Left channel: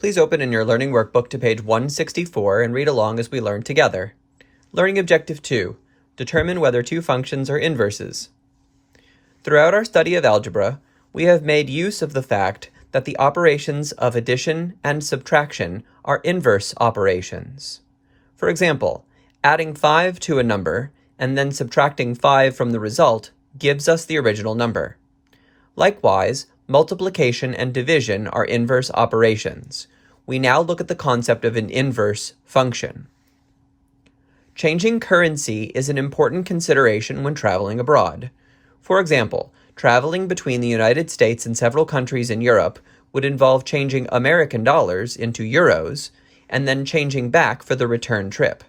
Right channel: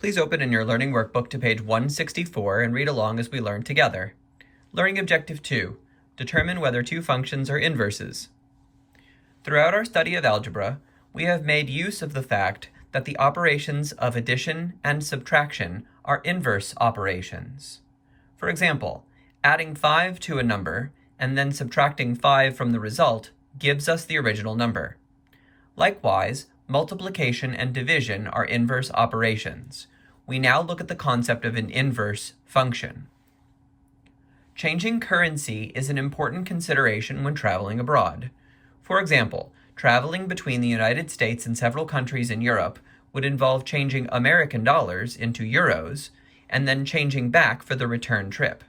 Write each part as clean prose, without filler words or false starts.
Please open in your learning workbook to page 164 and read along as we learn together. Learning Objective 2. Determine whether two functions are inverses. Throughout our study of algebra, we have made use of the fact that the operations of addition and subtraction are inverse operations. For example, adding 5 to a number and then subtracting 5 from the result gives us the original number. Likewise, multiplication and division are inverse operations. We now look at the concept of an inverse function. Changing currency is an important consideration when traveling abroad. For example, traveling between the United States and several countries in Europe would involve changing American dollars into euros and then changing back for the return trip.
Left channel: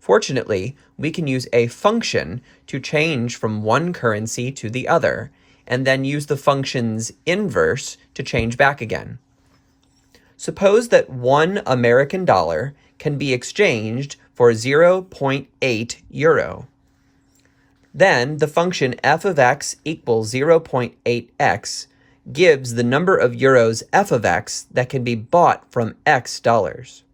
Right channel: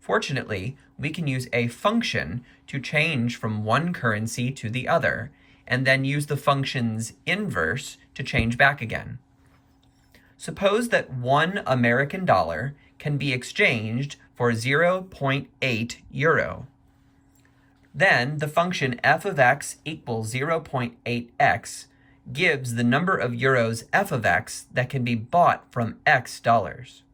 Fortunately, we can use a function to change from one currency to the other, and then use the function's inverse to change back again. Suppose that 1 American dollar can be exchanged for 0.8 euro. Then the function f of x equals 0.8x gives the number of euros f of x that can be bought from x dollars.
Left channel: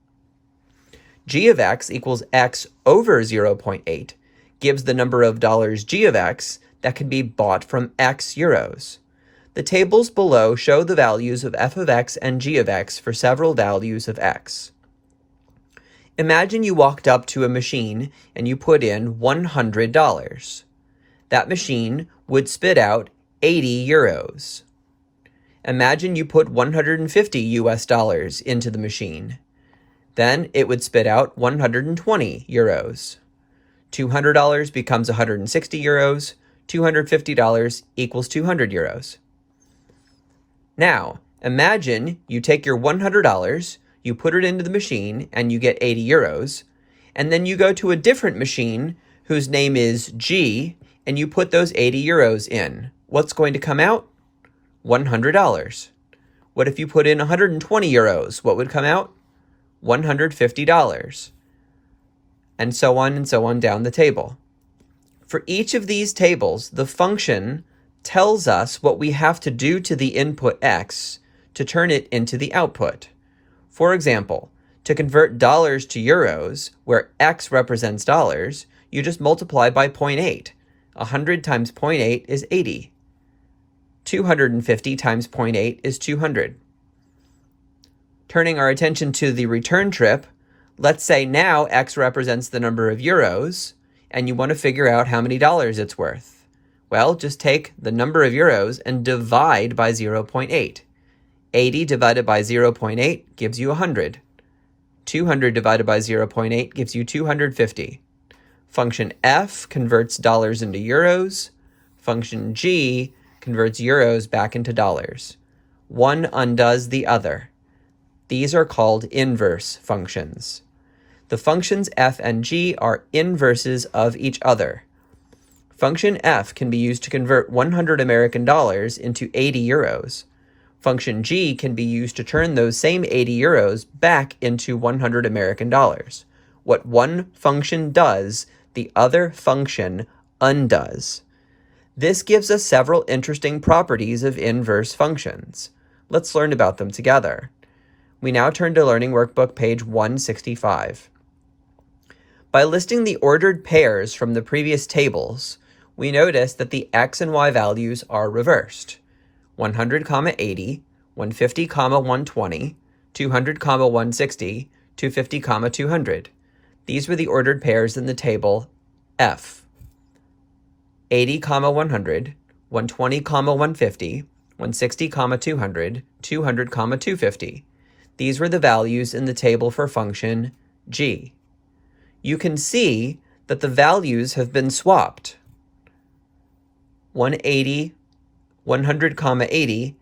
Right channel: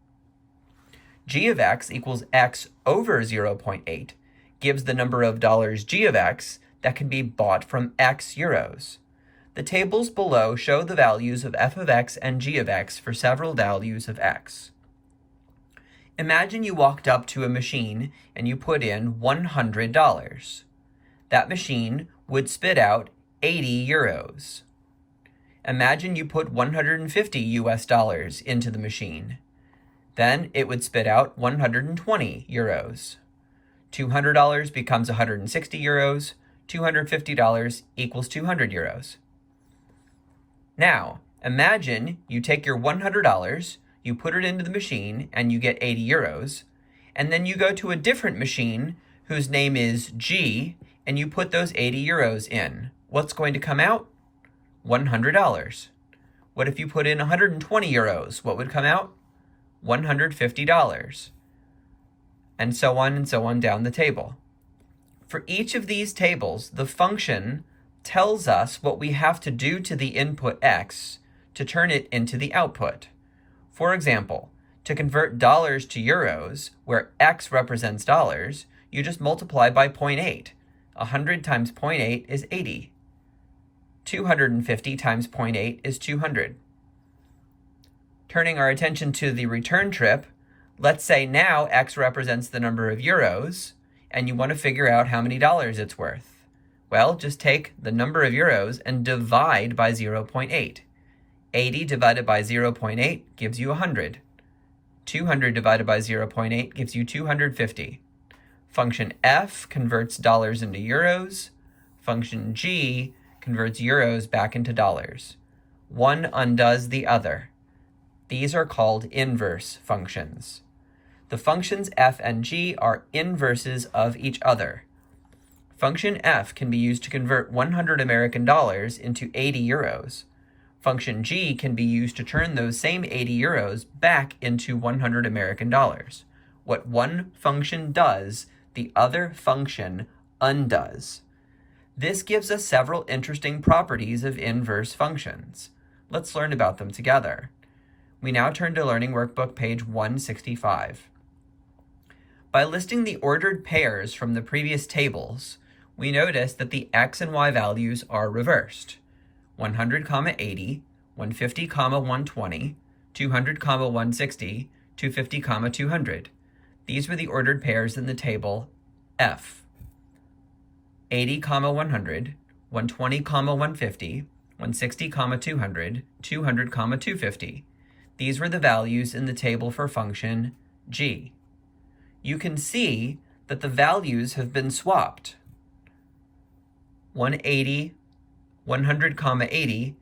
G of x equals x over 0.8 gives the number of dollars g of x that can be bought from x euros. The tables below show the values of f of x and g of x for several values of x. Imagine you walked up to a machine and you put in $100. That machine would spit out 80 euros. Imagine you put 150 US dollars into the machine. Then it would spit out 120 euros. $200 becomes 160 euros. $250 equals 200 euros. Now, imagine you take your $100, you put it into the machine, and you get 80 euros, and then you go to a different machine whose name is G, and you put those 80 euros in. What's going to come out? $100. What if you put in 120 euros? What would come out? $150. And so on down the table. For each of these tables, the function tells us what we have to do to the input x to turn it into the output. For example, to convert dollars to euros, where x represents dollars, you just multiply by 0.8. 100 times 0.8 is 80. 250 times 0.8 is 200. Turning our attention to the return trip, let's say now x represents the number of euros, and you want to figure out how many dollars it's worth. Well, just take the number of euros and divide by 0.8. 80 divided by 0.8 gives you 100. 200 divided by 0.8 gives you 250. Function f converts dollars into euros. Function g converts euros back into dollars. One undoes the other. These are called inverse functions. The functions f and g are inverses of each other. Function f can be used to convert 100 American dollars into 80 euros. Function g can be used to turn those same 80 euros back into 100 American dollars. What one function does, the other function undoes. This gives us several interesting properties of inverse functions. Let's learn about them together. We now turn to Learning Workbook page 165. By listing the ordered pairs from the previous tables, we notice that the x and y values are reversed. 100, 80, 150, 120, 200, 160, 250, 200. These were the ordered pairs in the table F. 80, 100, 120, 150, 160, 200, 200, 250. These were the values in the table for function g. You can see that the values have been swapped. 100, 80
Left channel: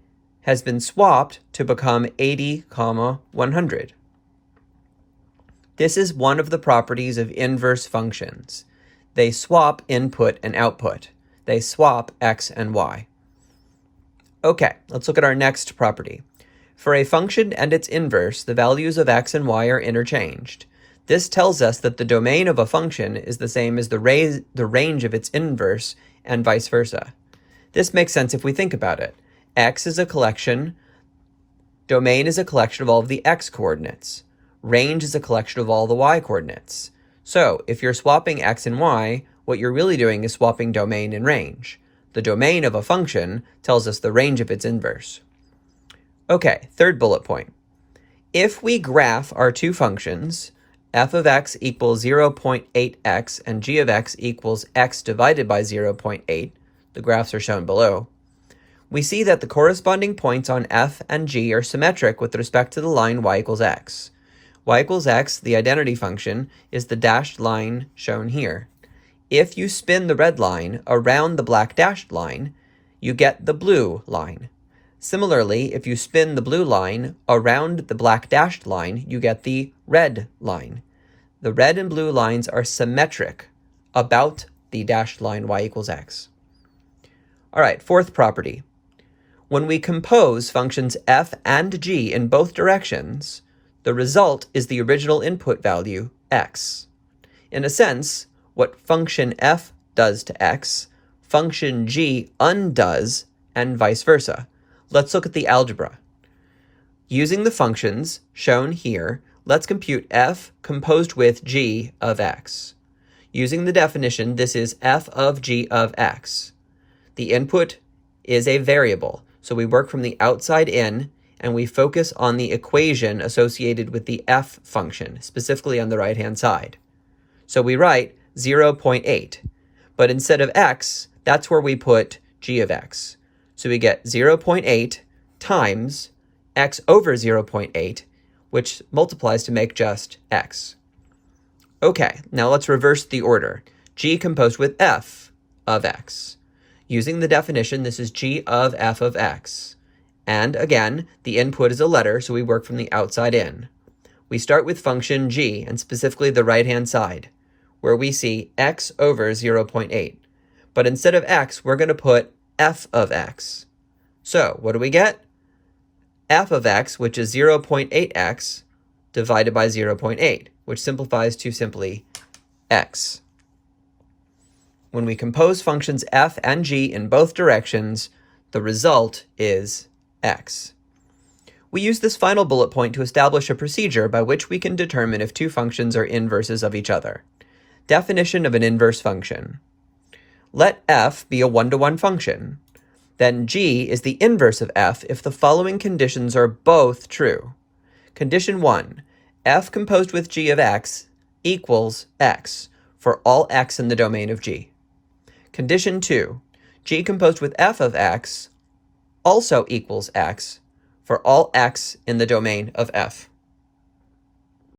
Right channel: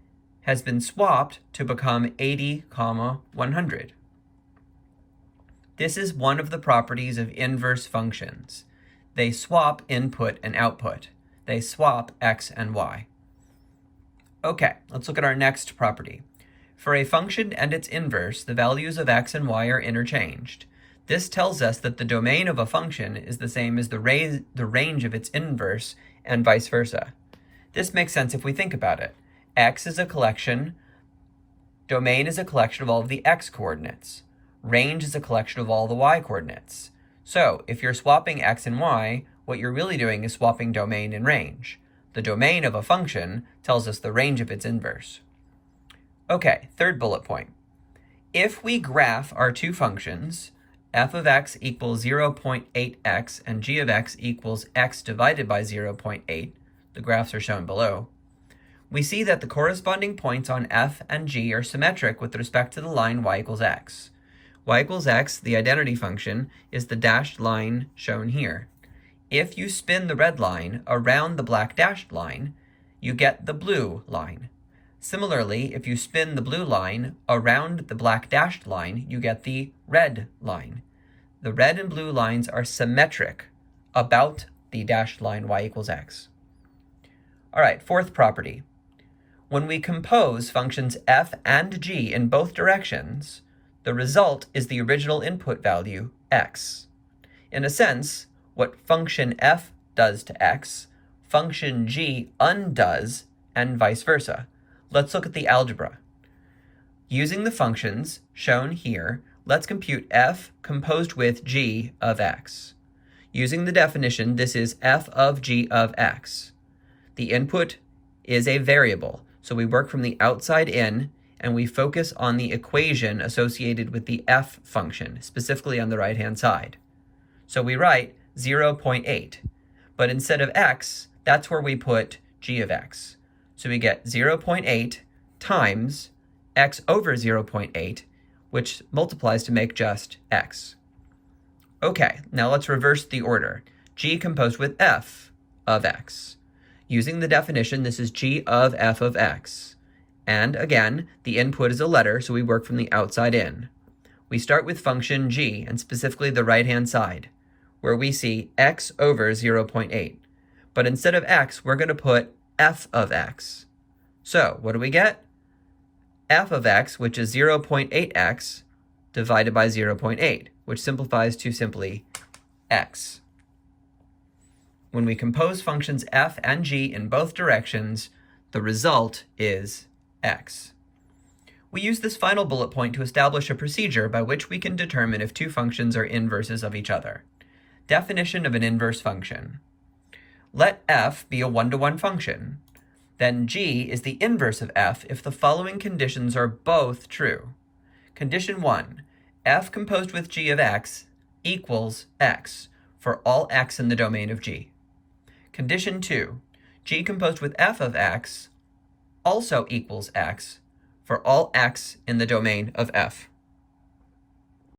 has been swapped to become 80, 100. This is one of the properties of inverse functions. They swap input and output. They swap x and y. Okay, let's look at our next property. For a function and its inverse, the values of x and y are interchanged. This tells us that the domain of a function is the same as the range of its inverse and vice versa. This makes sense if we think about it. X is a collection Domain is a collection of all of the x coordinates. Range is a collection of all the y coordinates. So if you're swapping x and y, what you're really doing is swapping domain and range. The domain of a function tells us the range of its inverse. Okay, third bullet point. If we graph our two functions, f of x equals 0.8x and g of x equals x divided by 0.8, the graphs are shown below, we see that the corresponding points on f and g are symmetric with respect to the line y equals x. Y equals x, the identity function, is the dashed line shown here. If you spin the red line around the black dashed line, you get the blue line. Similarly, if you spin the blue line around the black dashed line, you get the red line. The red and blue lines are symmetric about the dashed line y equals x. All right, fourth property. When we compose functions f and g in both directions, the result is the original input value, x. In a sense, what function f does to x, function g undoes, and vice versa. Let's look at the algebra. Using the functions shown here, let's compute f composed with g of x. Using the definition, this is f of g of x. The input is a variable, so we work from the outside in, and we focus on the equation associated with the f function, specifically on the right-hand side. So we write 0.8, but instead of x, that's where we put g of x. So we get 0.8 times x over 0.8, which multiplies to make just x. Okay, now let's reverse the order. G composed with f of x. Using the definition, this is g of f of x. And again, the input is a letter, so we work from the outside in. We start with function g, and specifically the right-hand side, where we see x over 0.8. But instead of x, we're going to put f of x. So what do we get? F of x, which is 0.8x, divided by 0.8, which simplifies to simply x. When we compose functions f and g in both directions, the result is x. We use this final bullet point to establish a procedure by which we can determine if two functions are inverses of each other. Definition of an inverse function. Let f be a one-to-one function. Then g is the inverse of f if the following conditions are both true. Condition 1, f composed with g of x equals x for all x in the domain of g. Condition 2, g composed with f of x also equals x for all x in the domain of f.